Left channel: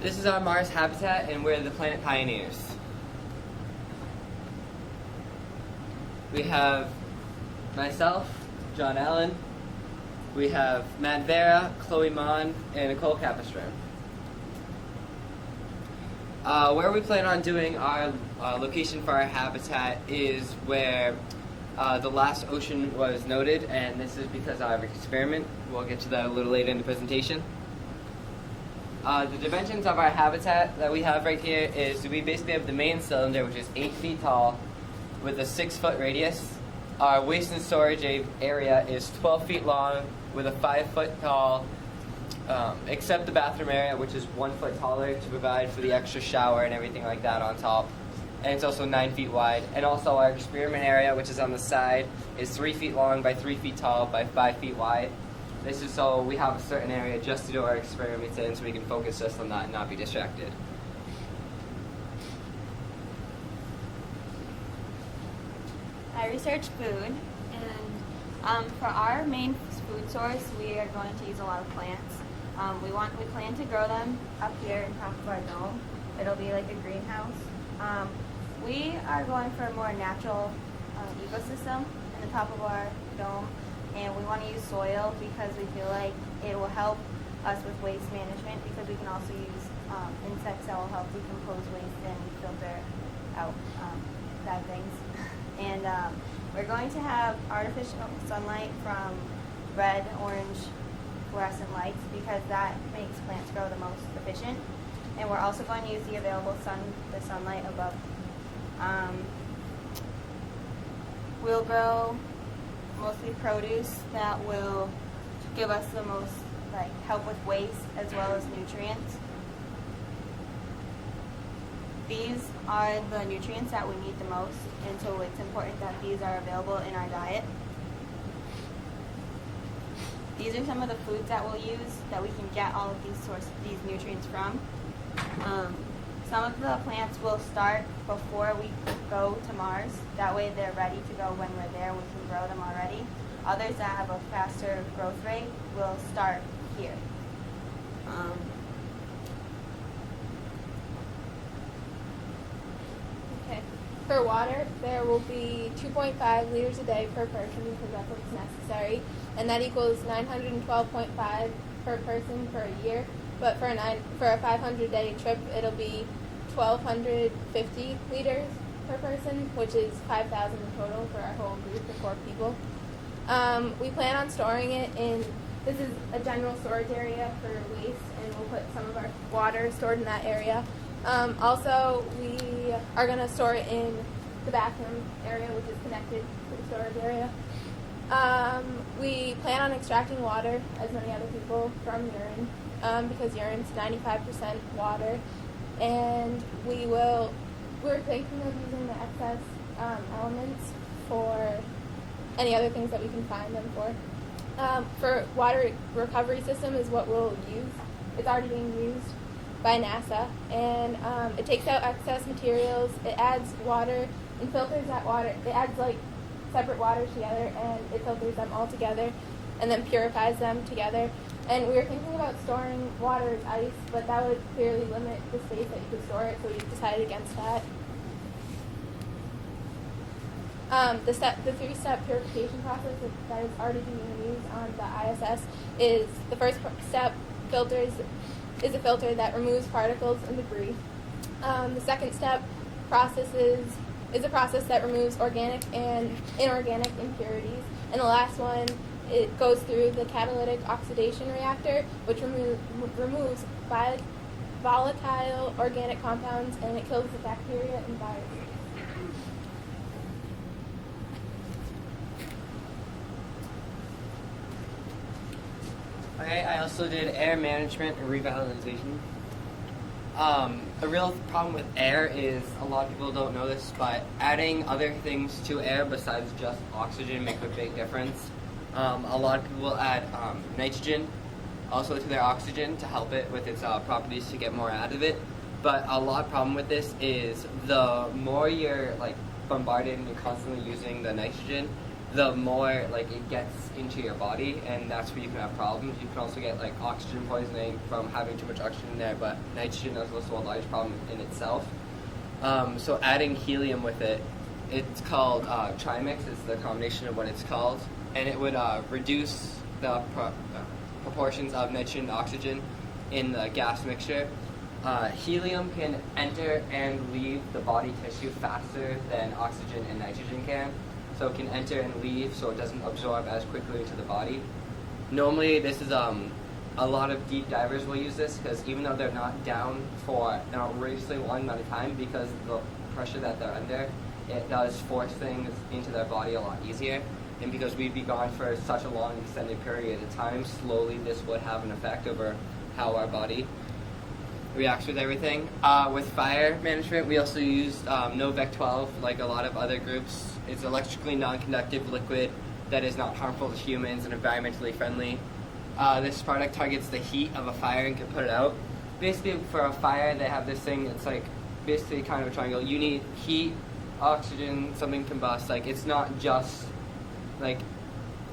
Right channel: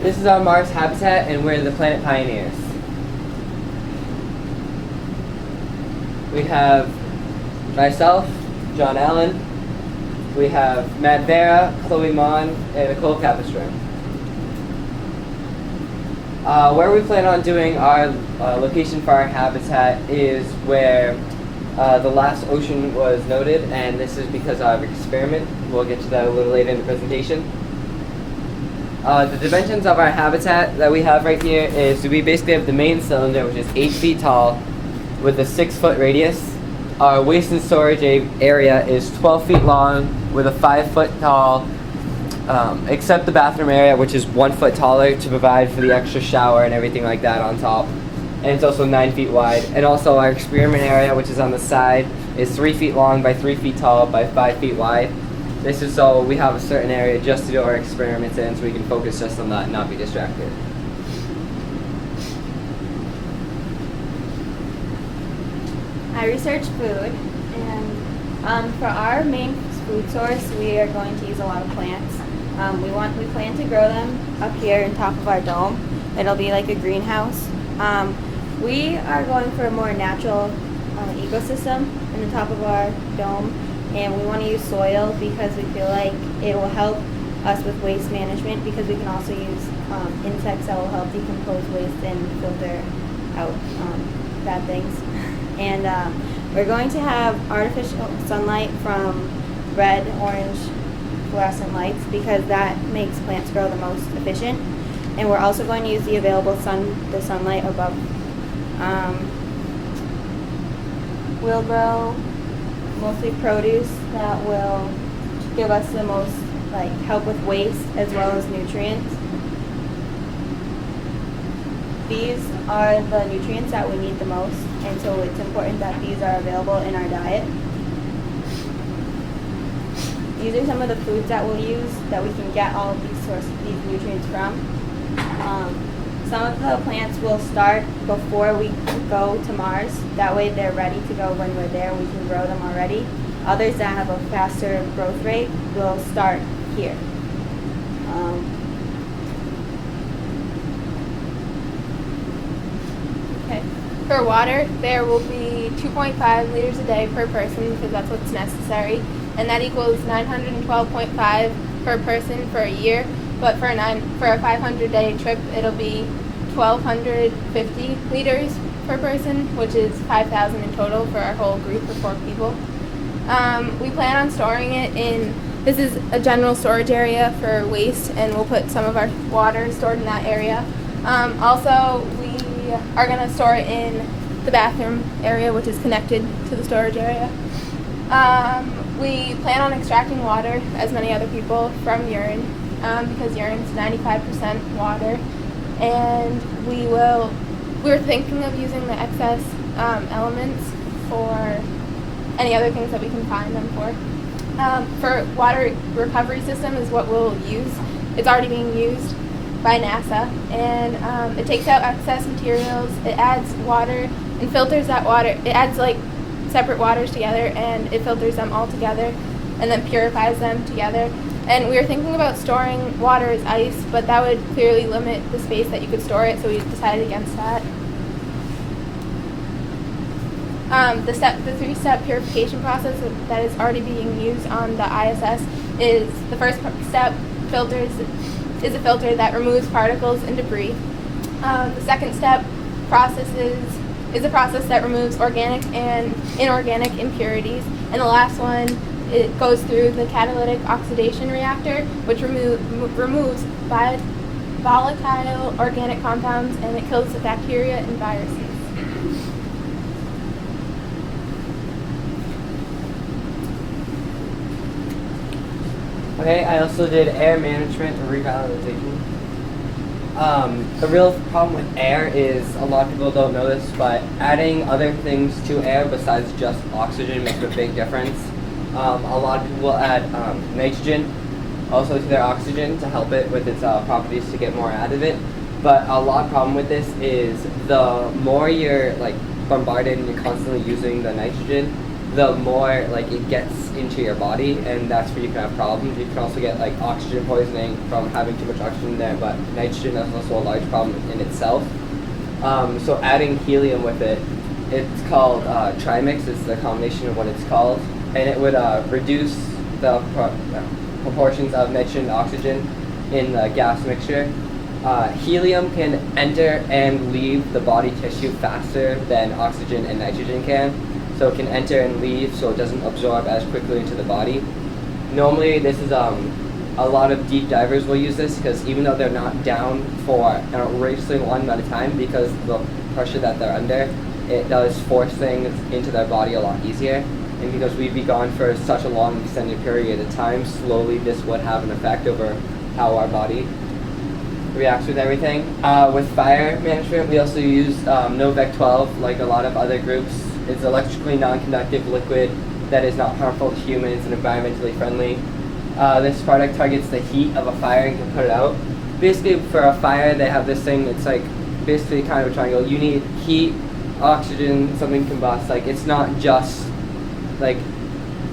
This is our Mars habitat, and we're the planet pioneers. We have myself, John Allen. We have Matt Vera, Chloe Mon, and Nicole Capistran. Where we plan on doing our location for our habitat is where the last ocean was noted, and this is because of our experiment. We'll get to that a little later in the presentation. The dimensions of our habitat that we have right here is we basically have the main cylinder, which is 8 feet tall with a 6-foot radius. Our waste and storage area is 12 feet long with a 5-foot tall, except the bathroom area, which is 1 foot taller to provide for the extra shower and everything like that on top. And it's also 9 feet wide. And also our experiment area, which is on the side, is 3 feet long by 3 feet tall by 5 feet wide. This is so we have a certain area just to do our experiments in, so we can focus just on that and not be distracted. I research food, and for our main food source, we are going to use a lot of plants. We plan to grow them up here on top of our dome. It'll be like a greenhouse. We are going for a more natural ecosystem in the top of our dome, and we want to use soil because we feel like it will help us with waste management, because we can also use insects that will help decompose waste and filter out bad things. And we're going to have artificial sunlight from red, orange fluorescent lights, because that makes plants grow the most efficient. And we're also going to use the available sunlight above. We'll grow mostly produce that will give us the most help with waste as well as nutrients. These are the nutrients that we need the most, and so it's important that these are available in our diet. These are some of the foods that we'll use that we can get all of these nutrients from. Some of the plants will start before we go to Mars. That way they're ready to go when we're there. We can grow them already. Others that have a faster growth rate will start here. Okay. For water, there will be 2.5 liters a day per person, because that's what's necessary, and that equals 912.5 per person for a year. But for a 500-day trip, it'll be 1,250 liters per person, which is 5,000 in total for our whole group of 4 people. We plan on storing it in, this is a general storage area for waste, and we'll put some of our water stored in that area. Also, we are going to store it in the bathroom area, which is connected to the storage area. We plan on extracting water, as many other people, from urine, because urine is 95% water, and we're thinking of using the excess elements for any other things that we can find them for. For water recovery system is what we'll use. It's already being used by NASA, and it takes out excess materials, it adds water and filters that water. It adds separate waters together, and it filters them all together and then purifies them together. And we were thinking about storing water as ice, but that would clearly limit the space that you could store it, so we decided against that. The 3-step purification process that is already being used on the ISS is the first step is a filter that removes particles and debris. The second step is a process that removes organic and inorganic impurities, and the last one, it goes through the catalytic oxidation reactor, which removes volatile organic compounds, and it kills the bacteria and viruses. Okay, I also did air management and revitalization. The real problem with air is, a lot of people don't know this, but adding other things to air besides just oxygen makes a big difference. A lot of people will add nitrogen also to their oxygen to help it with its properties to get more out of it. But a lot of problem with this is the more you're bombarded and you're constantly using the nitrogen, the more like it gets into your body, and that's where you can have problems. You can also get like oxygen poisoning from having too much oxygen in there, but nitrogen is also a large problem in itself. So adding helium with it, it's called trimix. It's the combination of what it's called, and it would reduce the proportions of nitrogen and oxygen in the gas mixture. Helium can enter and leave the body tissue faster than oxygen and nitrogen can. So it can enter and leave, so it doesn't absorb as quickly into the body. Normally, this is a lot of deep divers will use this because even though they're not down for an outrageously long amount of time, because the pressure that they're under, it does force things into their body a lot easier. And because we'd be gone for such a long extended period of time, slowly this would have an effect over how our body reacts with everything. With fire management, we also use Novec 12, like a lot of other groups. It's electrically non-conductive liquid that is not harmful to humans and environmentally friendly. This product targets the heat of a fire and can put it out. Basically, for a fire, they have this thing that's like basically kind of a triangle. You need heat, oxygen, something combust. Like it's not just like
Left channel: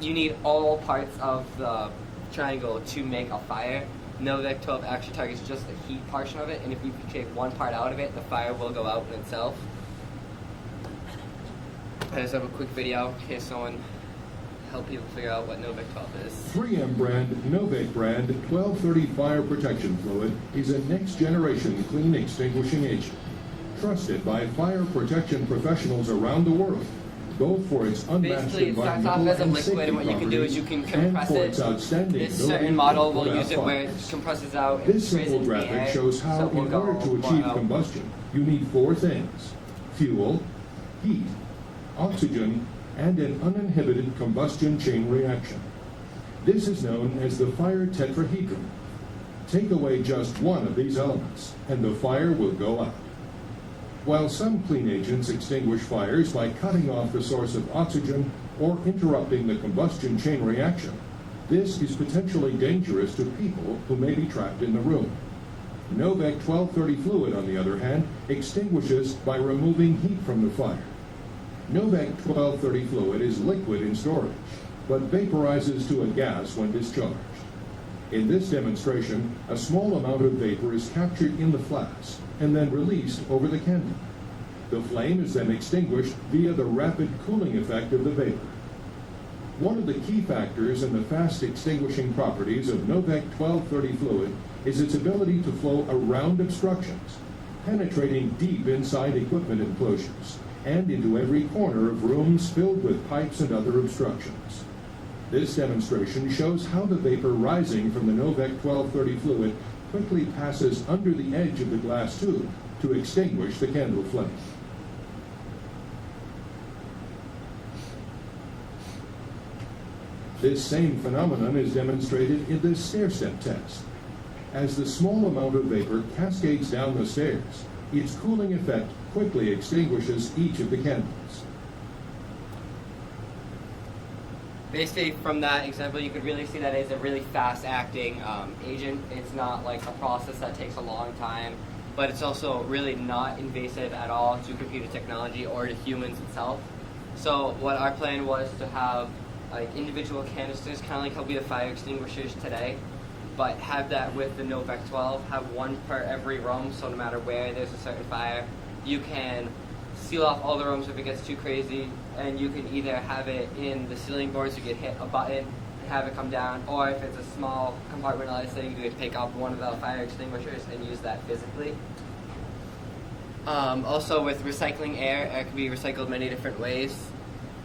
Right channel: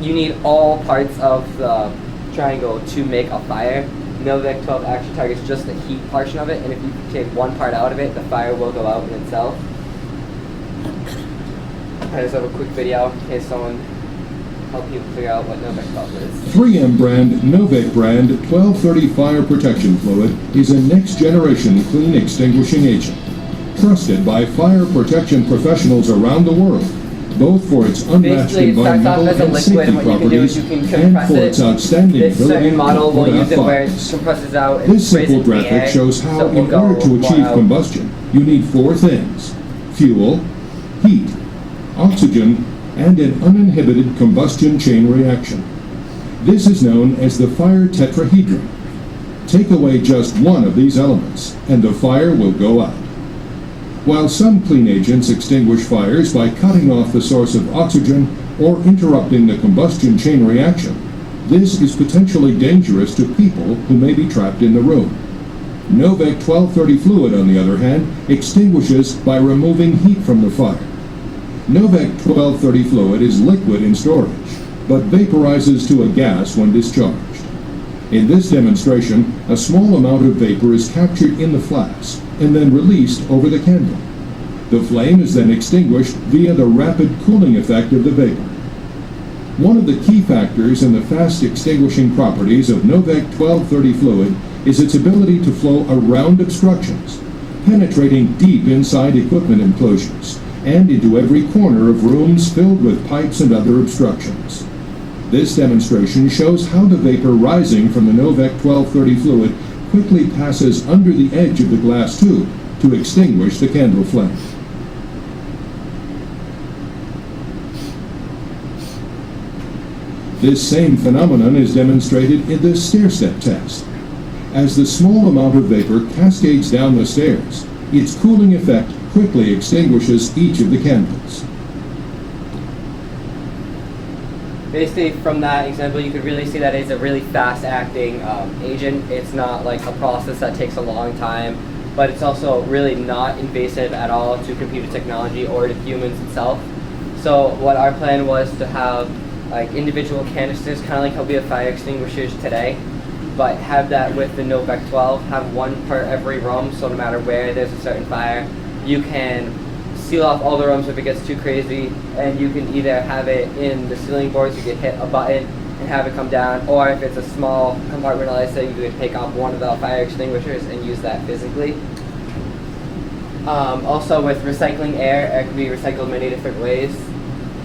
you need all parts of the triangle to make a fire. Novec 12 actually targets just the heat portion of it, and if you take one part out of it, the fire will go out in itself. I just have a quick video in case someone help you figure out what Novec 12 is. 3M brand Novec brand 1230 fire protection fluid is a next generation clean extinguishing agent. Trusted by fire protection professionals around the world, both for its unmatched Basically, it starts off environmental as a and liquid, safety and what you can do is properties, you can and compress for it. its outstanding This ability certain model to will put use it out where it fires. compresses out and This sprays simple into the graphic air, shows how, so it will in order to go achieve out. combustion, you need four things: fuel, heat, oxygen, and an uninhibited combustion chain reaction. This is known as the fire tetrahedron. Take away just one of these elements, and the fire will go out. While some clean agents extinguish fires by cutting off the source of oxygen or interrupting the combustion chain reaction, this is potentially dangerous to people who may be trapped in the room. Novec 1230 fluid, on the other hand, extinguishes by removing heat from the fire. Novec 1230 fluid is liquid in storage, but vaporizes to a gas when discharged. In this demonstration, a small amount of vapor is captured in the flask and then released over the candle. The flame is then extinguished via the rapid cooling effect of the vapor. One of the key factors in the fast extinguishing properties of Novec 1230 fluid is its ability to flow around obstructions, penetrating deep inside equipment enclosures and into every corner of rooms filled with pipes and other obstructions. This demonstration shows how the vapor rising from the Novec 1230 fluid quickly passes under the edge of the glass tube to extinguish the candle flame. This same phenomenon is demonstrated in the stair-step test. As the small amount of vapor cascades down the stairs, its cooling effect quickly extinguishes each of the candles. Basically, from that example, you could really see that it's a really fast-acting agent. It's not like a process that takes a long time, but it's also really not invasive at all to computer technology or to humans itself. So what our plan was to have like individual canisters, kind of like how we have fire extinguishers today, but have that with the Novec 12, have one per every room, so no matter where there's a certain fire, you can seal off all the rooms if it gets too crazy, and you can either have it in the ceiling boards, you can hit a button and have it come down, or if it's a small compartmentalized thing, you can take off one of the fire extinguishers and use that physically. Also with recycling air, it can be recycled many different ways.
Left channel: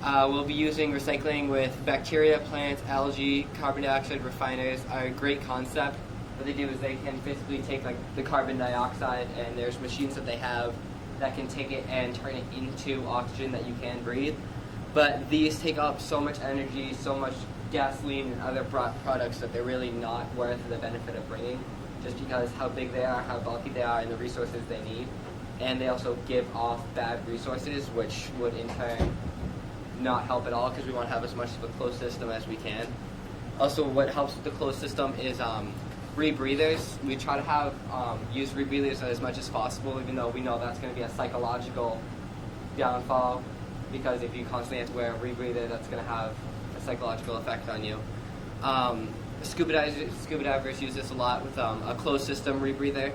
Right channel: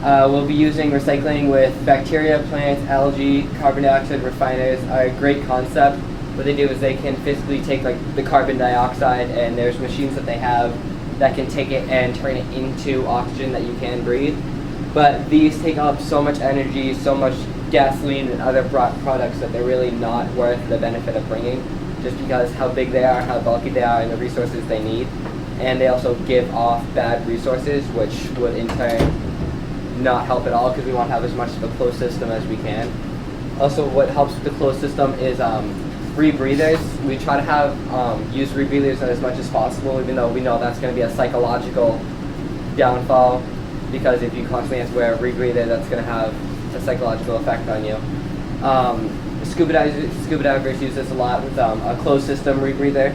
We'll be using recycling with bacteria, plants, algae, carbon dioxide refiners are a great concept. What they do is they can physically take like the carbon dioxide, and there's machines that they have that can take it and turn it into oxygen that you can breathe. But these take up so much energy, so much gasoline and other products that they're really not worth the benefit of bringing, just because how big they are, how bulky they are, and the resources they need. And they also give off bad resources, which would in turn not help at all, because we want to have as much of a closed system as we can. Also, what helps with the closed system is rebreathers. We try to have use rebreathers as much as possible, even though we know that's going to be a psychological downfall. because if you constantly have to wear a rebreather, that's going to have a psychological effect on you. Scuba divers use this a lot with a closed system rebreather.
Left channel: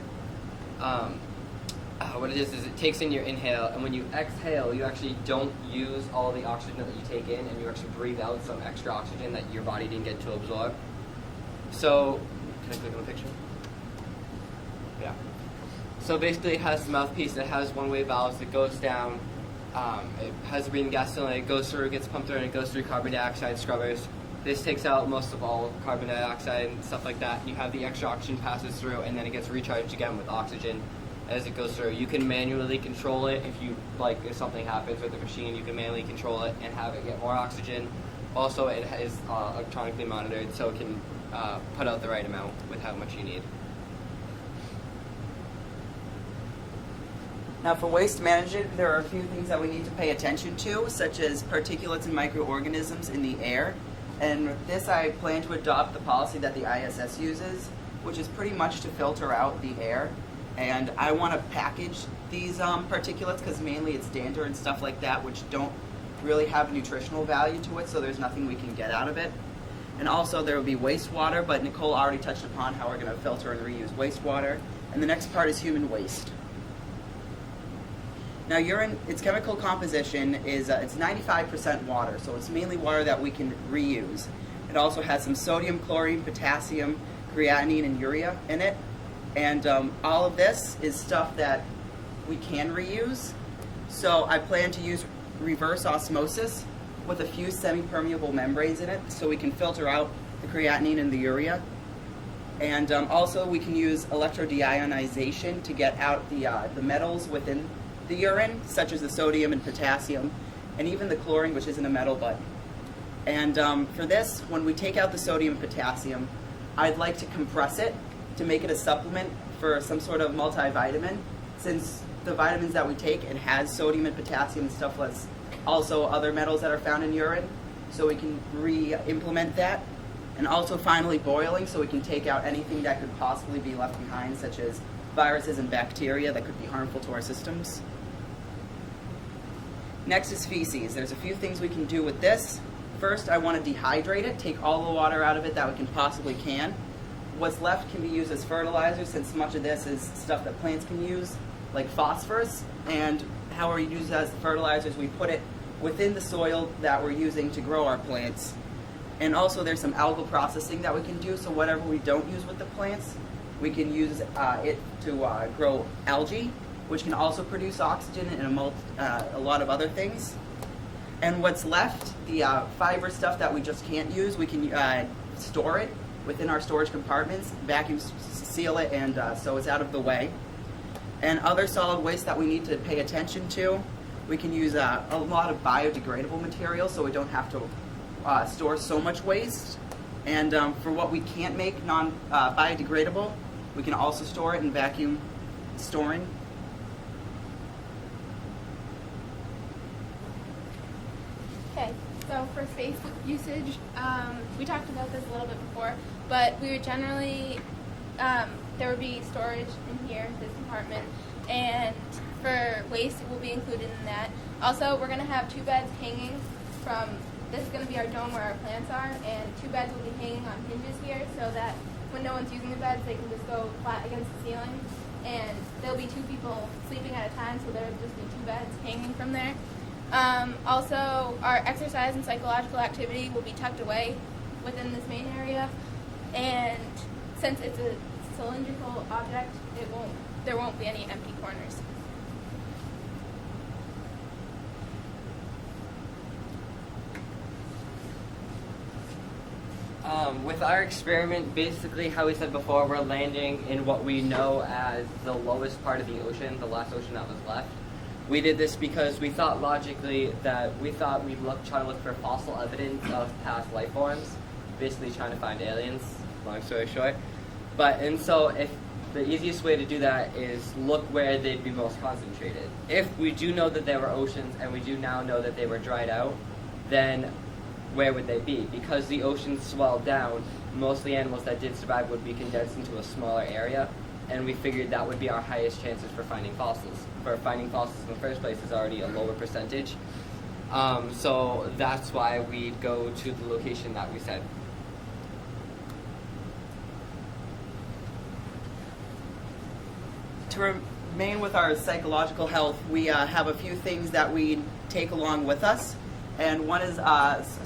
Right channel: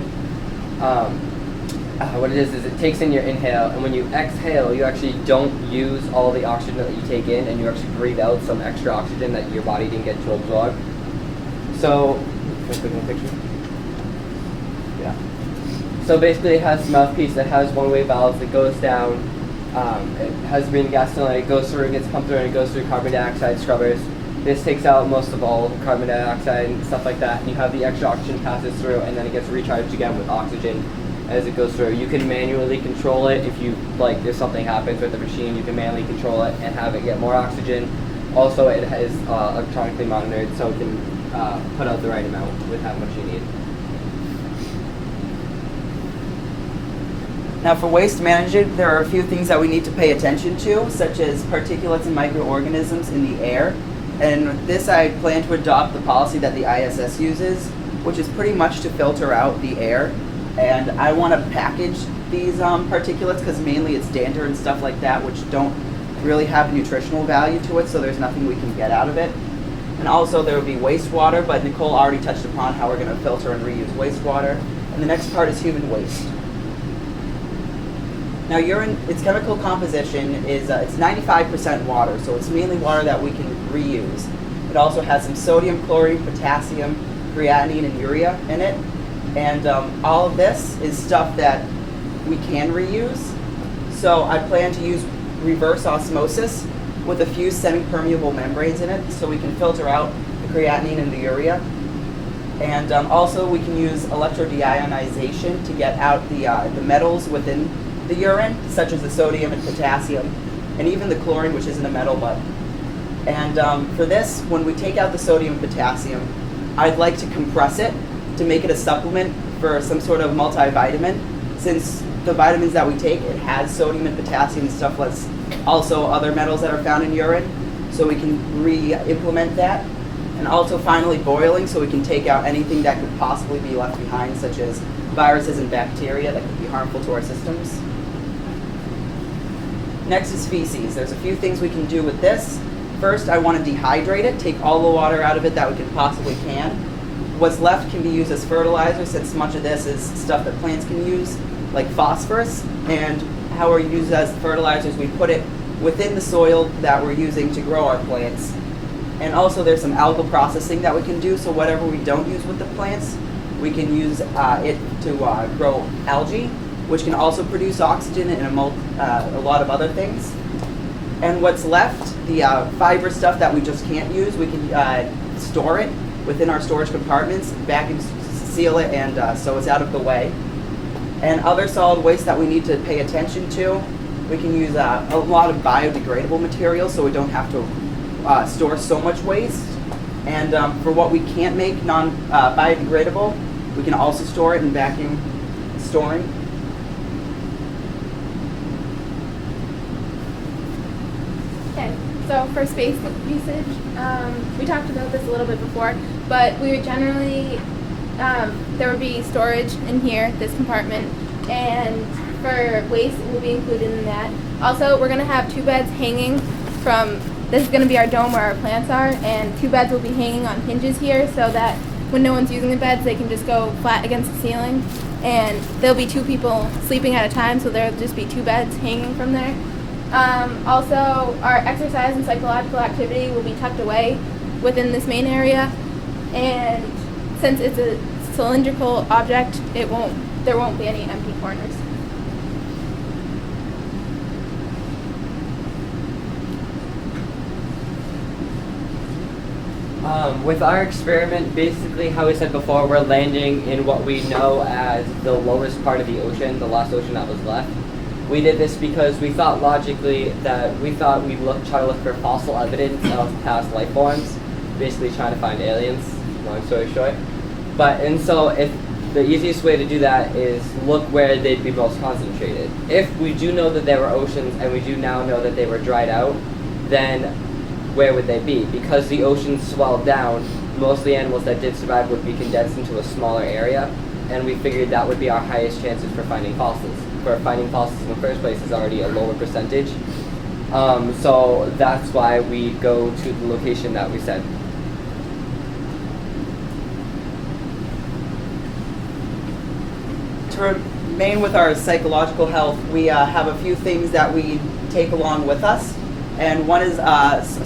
What it is it takes in your inhale, and when you exhale, you actually don't use all the oxygen that you take in, and you actually breathe out some extra oxygen that your body didn't get to absorb. So, can I click on the picture? Yeah. So basically it has a mouthpiece that has one-way valves that goes down. It has green gas cylinder, it goes through, it gets pumped through, and it goes through carbon dioxide scrubbers. This takes out most of all carbon dioxide and stuff like that, and you have the extra oxygen passes through, and then it gets recharged again with oxygen as it goes through. You can manually control it if you, like, if something happens with the machine, you can manually control it and have it get more oxygen. Also, it is electronically monitored, so it can put out the right amount with how much you need. Now for waste management, there are a few things that we need to pay attention to, such as particulates and microorganisms in the air. And this, I plan to adopt the policy that the ISS uses, which is pretty much to filter out the air. And I want to package these particulates because mainly it's dander and stuff like that, which don't really have nutritional value to it, so there's nothing we can get out of it. And also there will be wastewater, but Nicole already touched upon how we're going to filter and reuse wastewater. And the next part is human waste. Now urine, its chemical composition is it's 95% water, so it's mainly water that we can reuse. It also has some sodium, chlorine, potassium, creatinine, and urea in it. And all of this is stuff that we can reuse. So I plan to use reverse osmosis with a few semi-permeable membranes in it, so we can filter out the creatinine and the urea. And also we can use electrodeionization to get out the metals within the urine, such as the sodium and potassium, and even the chlorine, which isn't a metal, but. And for this, when we take out the sodium and potassium, I'd like to compress it to make it a supplement for some sort of multivitamin. Since the vitamins that we take, it has sodium and potassium and stuff, plus also other metals that are found in urine, so we can re-implement that. And also finally boiling, so we can take out anything that could possibly be left behind, such as viruses and bacteria that could be harmful to our systems. Next is feces. There's a few things we can do with this. First, I want to dehydrate it, take all the water out of it that we can possibly can. What's left can be used as fertilizer, since much of this is stuff that plants can use, like phosphorus. And how we use it as fertilizers, we put it within the soil that we're using to grow our plants. And also there's some algal processing that we can do, so whatever we don't use with the plants, we can use it to grow algae, which can also produce oxygen and a lot of other things. And what's left, the fiber stuff that we just can't use, we can store it within our storage compartments, vacuum seal it, and so it's out of the way. And other solid waste that we need to pay attention to, we can use a lot of biodegradable materials, so we don't have to store so much waste. And for what we can't make non-biodegradable, we can also store it in vacuum storing. Okay, so for space usage, we talked about this a little bit before, but we would generally, there would be storage in here, this compartment, and for waste, it will be included in that. Also, we're going to have 2 beds hanging from, this is going to be our dome where our plants are, and 2 beds will be hanging on hinges here so that when no one's using the beds, they can just go flat against the ceiling. And there'll be 2 people sleeping at a time, so there'll just be 2 beds hanging from there. Also, our exercise and psychological activity will be tucked away within this main area. And since it's a cylindrical object, there won't be any empty corners. With our experiment, basically how we said before, we're landing in what we know as the lowest part of the ocean, the last ocean that was left. We did this because we thought logically that we'd try to look for fossil evidence of past life forms, basically trying to find aliens, long story short. And so if the easiest way to do that is look where they'd be most concentrated. If we do know that there were oceans and we do now know that they were dried out, then where would they be? Because the oceans swelled down, most of the animals that did survive would be condensed into a smaller area, and we figured that would be our highest chances for finding fossils. For finding fossils in the first place is already a lower percentage. So that's why we go to the location that we said. To remain with our psychological health, we have a few things that we take along with us, and one is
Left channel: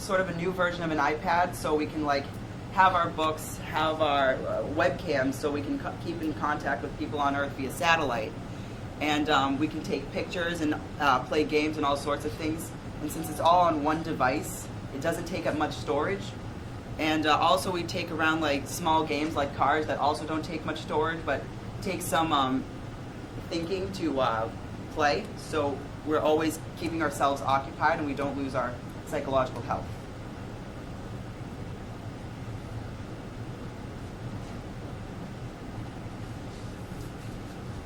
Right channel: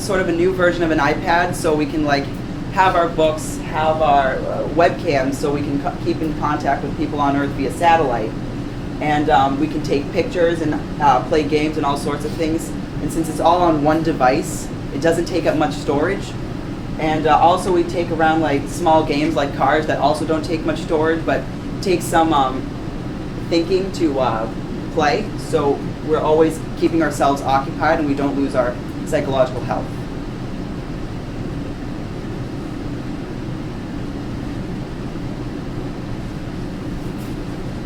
sort of a new version of an iPad, so we can like have our books, have our webcams, so we can keep in contact with people on Earth via satellite, and we can take pictures and play games and all sorts of things. And since it's all on one device, it doesn't take up much storage. And also we take around like small games like cars that also don't take much storage, but take some thinking to play. So we're always keeping ourselves occupied and we don't lose our psychological health.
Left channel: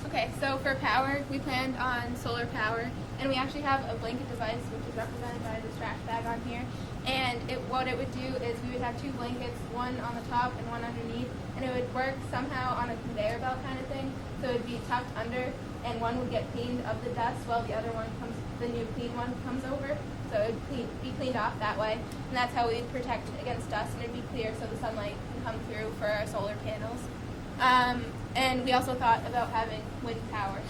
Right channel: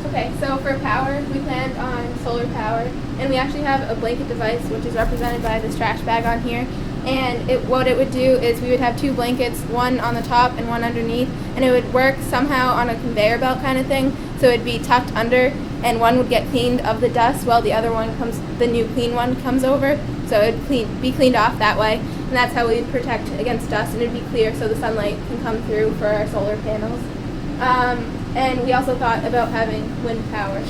Okay, so for power, we planned on solar power, and we actually have a blanket device, which is represented by this trash bag on here. And what it would do is we would have two blankets, one on the top and one underneath, and it would work somehow on a conveyor belt kind of thing. So it'd be tucked under, and one would get cleaned of the dust while the other one the new clean one comes over. So it'd be cleaned off that way, and that's how we'd protect against dust, and it'd be clear so the sunlight can come through for our solar panels. And we also thought about having wind power.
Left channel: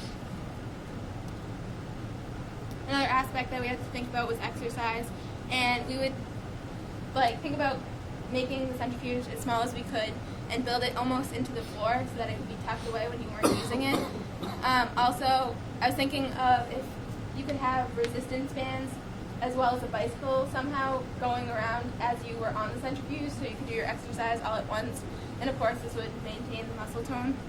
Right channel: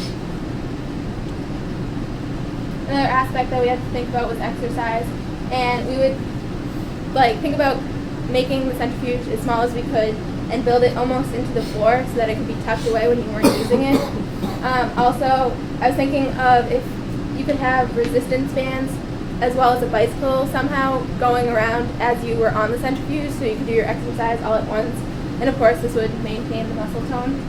Another aspect that we had to think about was exercise, and we would think about making the centrifuge as small as we could and build it almost into the floor so that it could be tucked away when you weren't using it. Also, I was thinking of if you could have resistance bands as well as a bicycle somehow going around as you were on the centrifuge so you could do your exercise all at once. And of course, this would maintain the muscle tone.